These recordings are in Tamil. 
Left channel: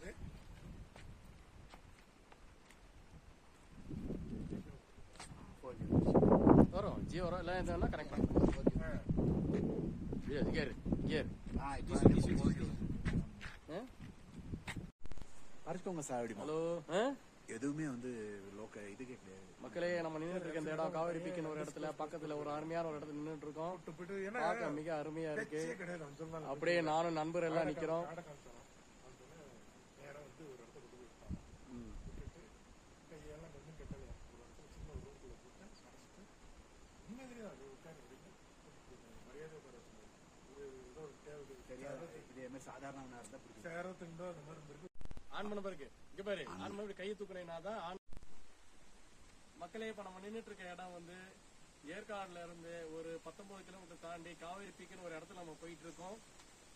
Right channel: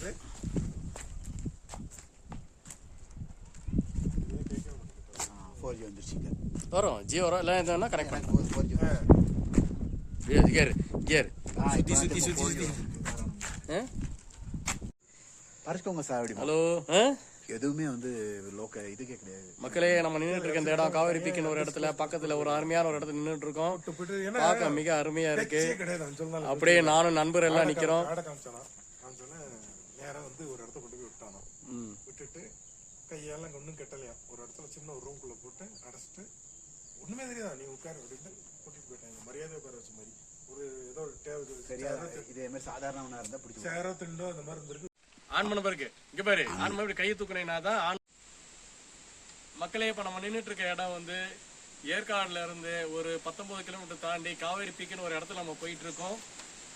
இருக்குது ஃபோர் வரும். ஜியோ வரும். எல்லாம் இருந்தாலும் கனெக்ட் பண்ணுவோம் ஃபோர் ஜி கியர் கியர் சுற்றி சுற்றி சுற்றி சுற்றி பறிச்சுக்கோங்க சார் அப்படி ஹலோ ஆ? எதுவுமே வந்து லோக்கல் இதுக்கே கிடையாது. மக்களே நம்ம நின்றுட்டு இருக்க இந்த இடம் காவேரி பீக்குன்னு ஒரு இடத்துல பக்கத்துல ஒரு அருமையான ஒரு இடத்துல நின்றுட்டு இருக்கோம். பார்க்க மிக அருமையா இருக்கு. அப்படியே நானும் நண்பர் எல்லாம் நிக்கிறோம். விட்டுட்டு கையெல்லாம் ஒன்றும் கெட்டலையா? ஒரு இடத்துல சின்ன ஒரு ரூம்குள்ள போட்டு அடைச்சிட்டு ஒண்ணுமே தெரியாதா? நீ உட்காரு அப்படின்னு கூட்டிட்டு போயிட்டேன். மரியாதை உட்கார வச்ச மாதிரி. ஒரு ஏதோ ஒரு தேவை சரியா இதே மாதிரி சேரோ திண்டோ அந்த மாதிரி இருந்திருக்கு. ஆன் பண்ண பாருக்கு இங்க. பாரு. ஆன் பண்ண கையை தூக்குனேன்னா தான் ஆன் மக்களே இப்ப நம்ம நின்னுட்டு இருக்க இடம் வந்து ஏற்காடுல இருந்து ஒரு பத்தொன்பது கிலோமீட்டர் தாண்டி காவேரி பீக்குன்னு ஒரு இடத்துல நம்ம போயிட்டு இருக்கோம்.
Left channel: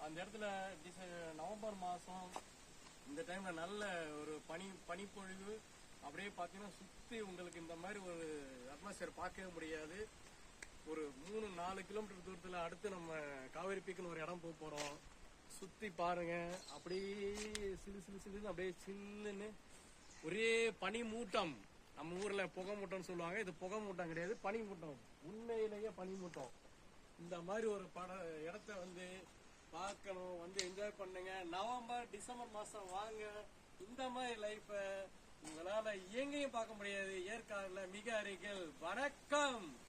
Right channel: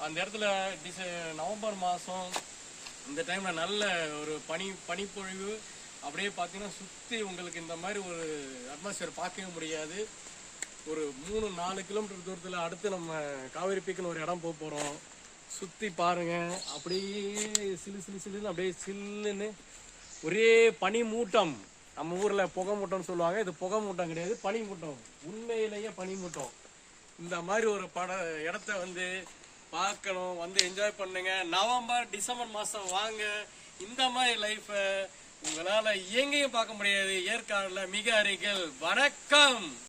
அந்த இடத்துல டிச நவம்பர் மாசம் இந்த டைம்ல நல்ல ஒரு பனி பனிப்பொழிவு அப்படியே பார்த்தீங்கன்னா சுற்றி உங்களுக்கு இந்த மாதிரி ஒரு அட்மாஸ்பியர் பார்க்கவே முடியாது. ஒரு மூணு நாலு கிலோமீட்டர் தூரத்தில் அடுத்து நம்ம காவேரி பீக்குன்னு ஒரு இடம் போக போகிறோம் சுற்றி பாருங்கள் அப்படியே சிலு சிலு சிலுன்னு அப்படியே சில்லுன்னு ஒரே பனி மூட்டம் நம்ம ஊரில் புகை மூட்டம்னு சொல்லுவாங்க. இது புகை மூட்டம் கிடையாது பனி மூட்டம் உண்மையிலேயே பனி மூட்டம் இந்த மாதிரி ஒரு பட இடத்த வந்து பார்க்கணும் வந்து என்ஜாய் பண்ணுங்க. நவம்பர் டிசம்பர் மாதம் வாங்க. இந்த மாதிரி லைஃப்பை உங்களால் எங்கேயும் பார்க்க முடியாது. ஏற்காடில் மிக அருகில். வணக்கம்!